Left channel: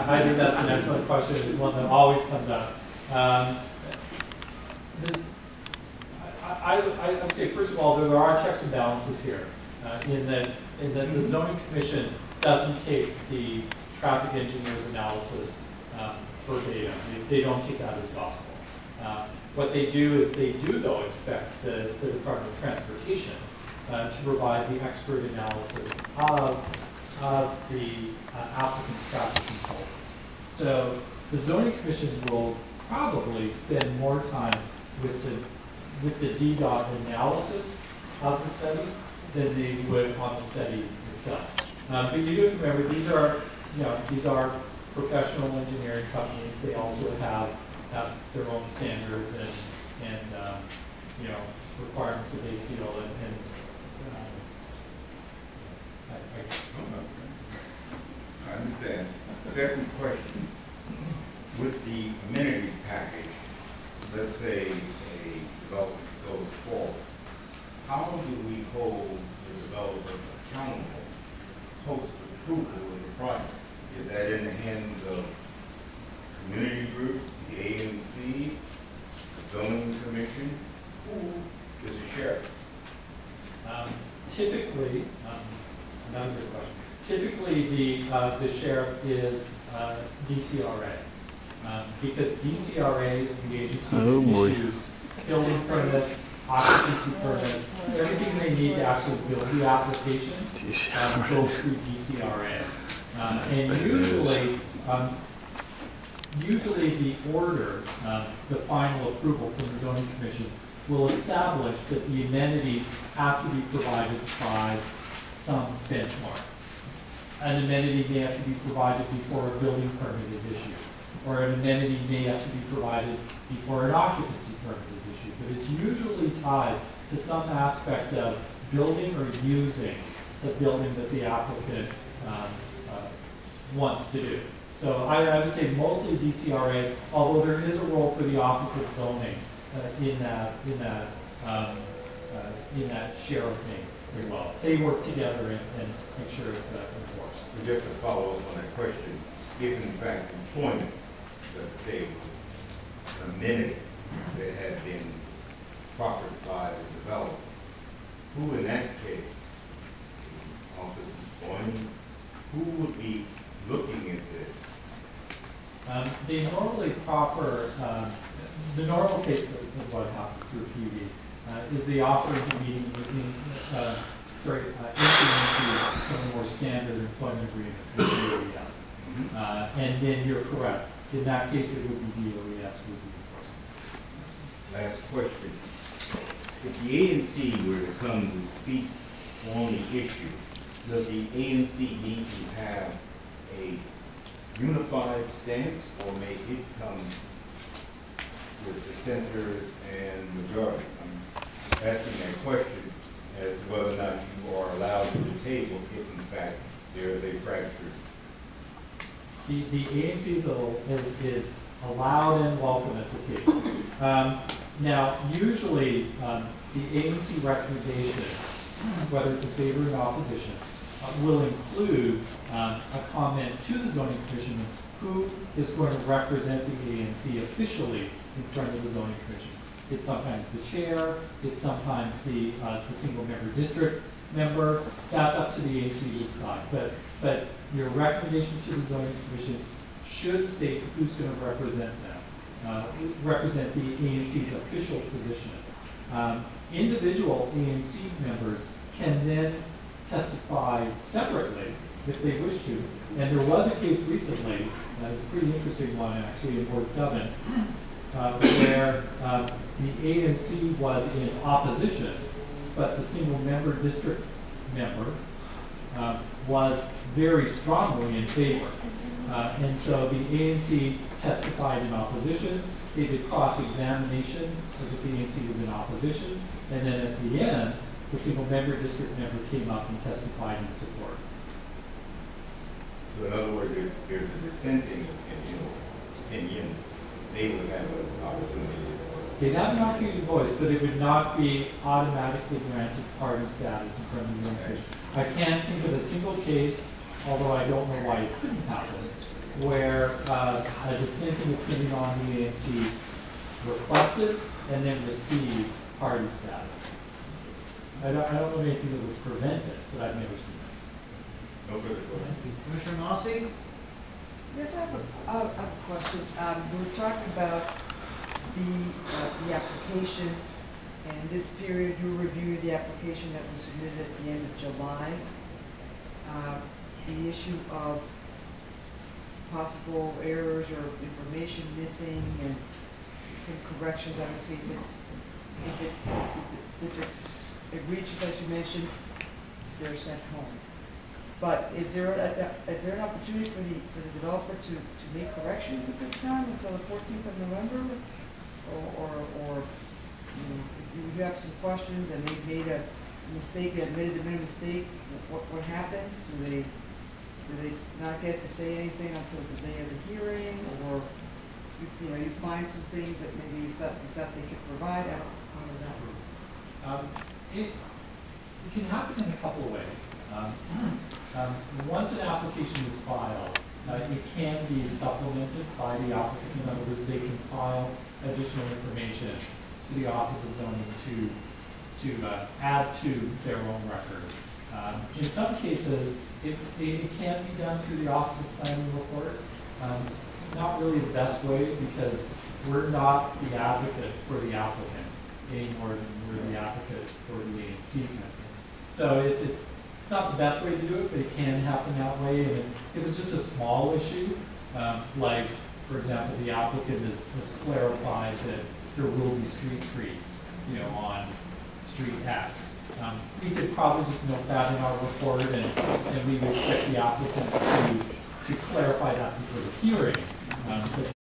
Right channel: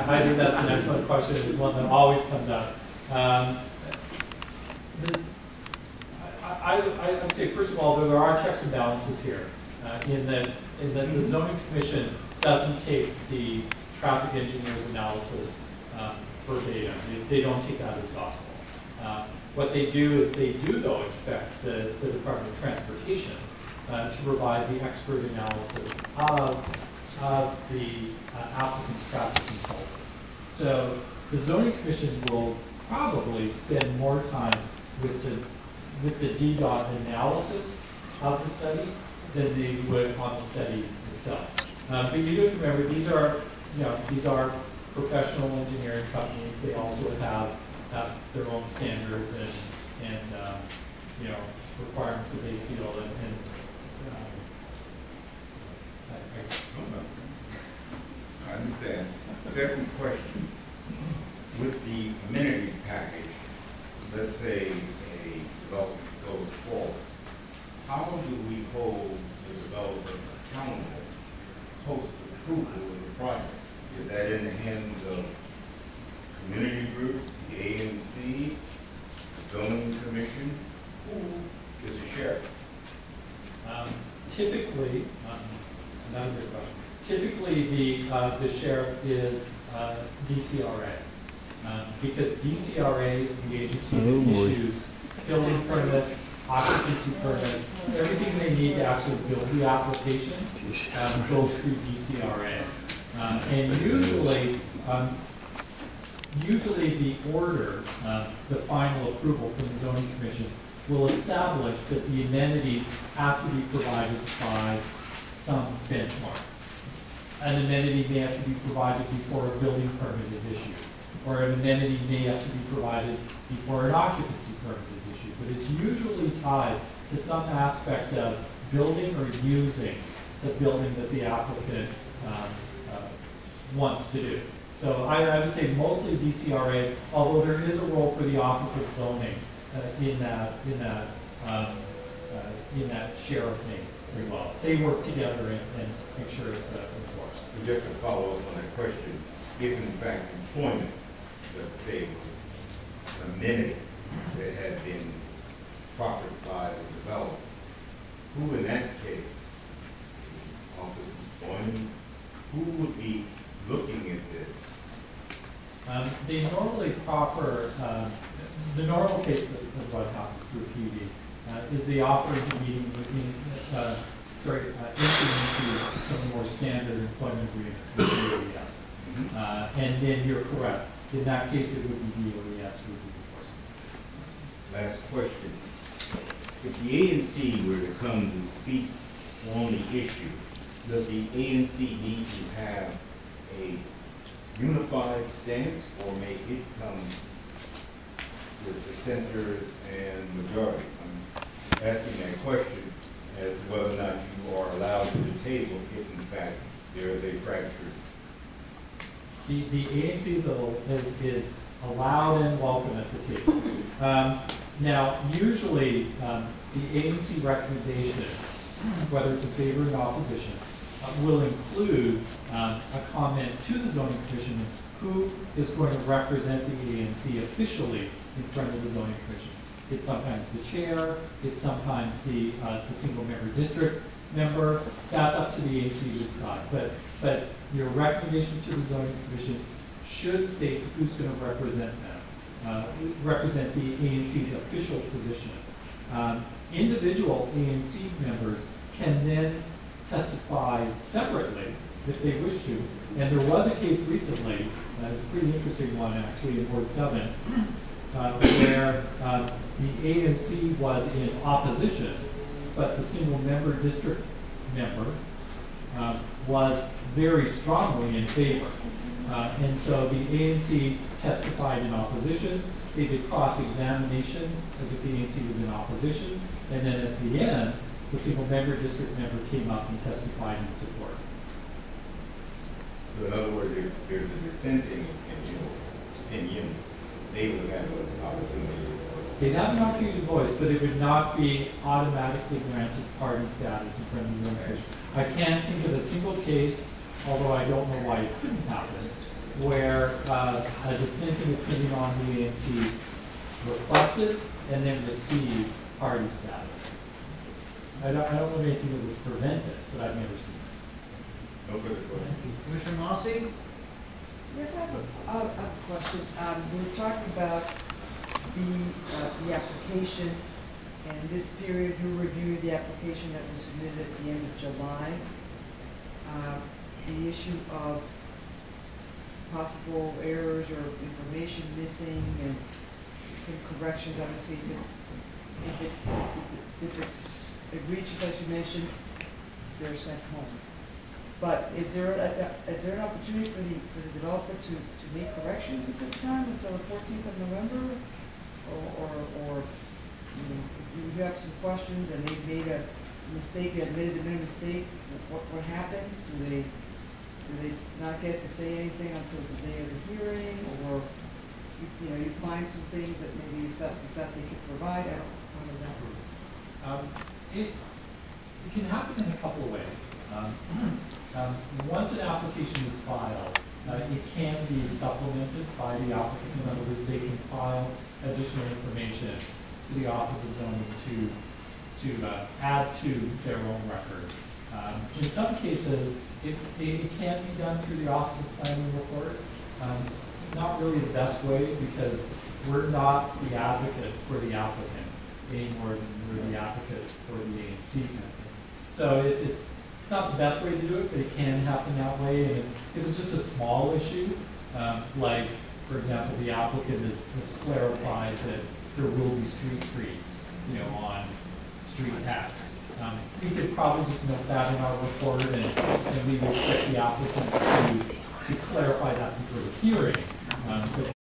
I think that's an excellent question. It's one that always comes up. I would say, first of all, there are checks and balances here. In that the zoning commission doesn't take the traffic engineer's analysis verbatim. They don't take that as gospel. What they do is they do, though, expect the Department of Transportation to provide the expert analysis of the applicant's traffic consultant. So the zoning commission will probably spend more time with the DDOT analysis of the study than they would on the study itself. But you do remember these are professional engineering companies. They also have their own standards and requirements that they feel I understand. Second question. With the amenities package, let's say a development goes forward, how do we hold the developer accountable post-approval of the project? Is that in the hands of community groups, the ANC, the zoning commission? Who is the sheriff? Typically, another good question. Typically, the sheriff is DCRA, because DCRA is the agency that issues building permits, occupancy permits, everything they need to actually build the application goes through DCRA. And usually the order, the final approval from the zoning commission, will establish that the amenities have to be provided by some benchmark. An amenity may have to be provided before a building permit is issued, or an amenity may have to be provided before an occupancy permit is issued, but it's usually tied to some aspect of building or using the building that the applicant wants to do. So I would say mostly DCRA, although there is a role for the Office of Zoning in that sheriff name as well. They work together and make sure it's enforced. Just to follow up on that question, if in fact employment, let's say, was an amenity that had been proffered by the developer, who in that case, the Office of Employment, who would be looking at this? They normally proffer, the normal case of what happens through PUD is they offer intervening entering into some more standard employment agreements with DOES. And then you're correct. In that case, it would be DOES who would be enforcing. Last question. If the ANC were to come to speak on the issue, does the ANC need to have a unified stance, or may it come with dissenters and majority? I'm asking that question as to whether or not you are allowed to the table if in fact there is a fracture. The ANC is allowed and welcome at the table. Now, usually the ANC recommendation, whether it's in favor or in opposition, will include a comment to the zoning commission who is going to represent the ANC officially in front of the zoning commission. It's sometimes the chair, it's sometimes the single member district member. That's up to the ANC to decide. But your recommendation to the zoning commission should state who's going to represent them, represent the ANC's official position. Individual ANC members can then testify separately if they wish to. And there was a case recently, it's a pretty interesting one actually in Ward 7, where the ANC was in opposition, but the single member district member was very strongly in favor. And so the ANC testified in opposition. They did cross-examination as if the ANC was in opposition. And then at the end, the single member district member came up and testified in support. So in other words, if there's a dissenting opinion, they would have an opportunity. They'd have an opportunity to voice, but it would not be automatically granted party status in front of the zoning commission. I can't think of a single case, although I don't know why it couldn't happen, where a dissenting opinion on the ANC requested and then received party status. I don't know anything that would prevent it, but I've never seen it. No further questions. Commissioner Mossy? Yes, I have a question. We were talking about the application, and this period you reviewed the application that was submitted at the end of July. The issue of possible errors or information missing and some corrections, obviously, if it's egregious, as you mentioned, they're sent home. But is there an opportunity for the developer to make corrections at this time until the 14th of November? Or you know, if you have some questions and they've made a mistake, they admitted they made a mistake, what happens? Do they not get to say anything until the day of the hearing, or you find some things that maybe you thought they could provide? How does that work? It can happen in a couple of ways. Once an application is filed, it can be supplemented by the applicant. In other words, they can file additional information to the Office of Zoning to add to their own record. In some cases, it can be done through the Office of Planning Report. It's not really the best way because we're not the advocate for the applicant any more than we're the advocate for the ANC company. So it's not the best way to do it, but it can happen that way. And if it's just a small issue, like, for example, the applicant has clarified that there will be street trees, on street X. We could probably just note that in our report, and we would expect the applicant to clarify that before the hearing. But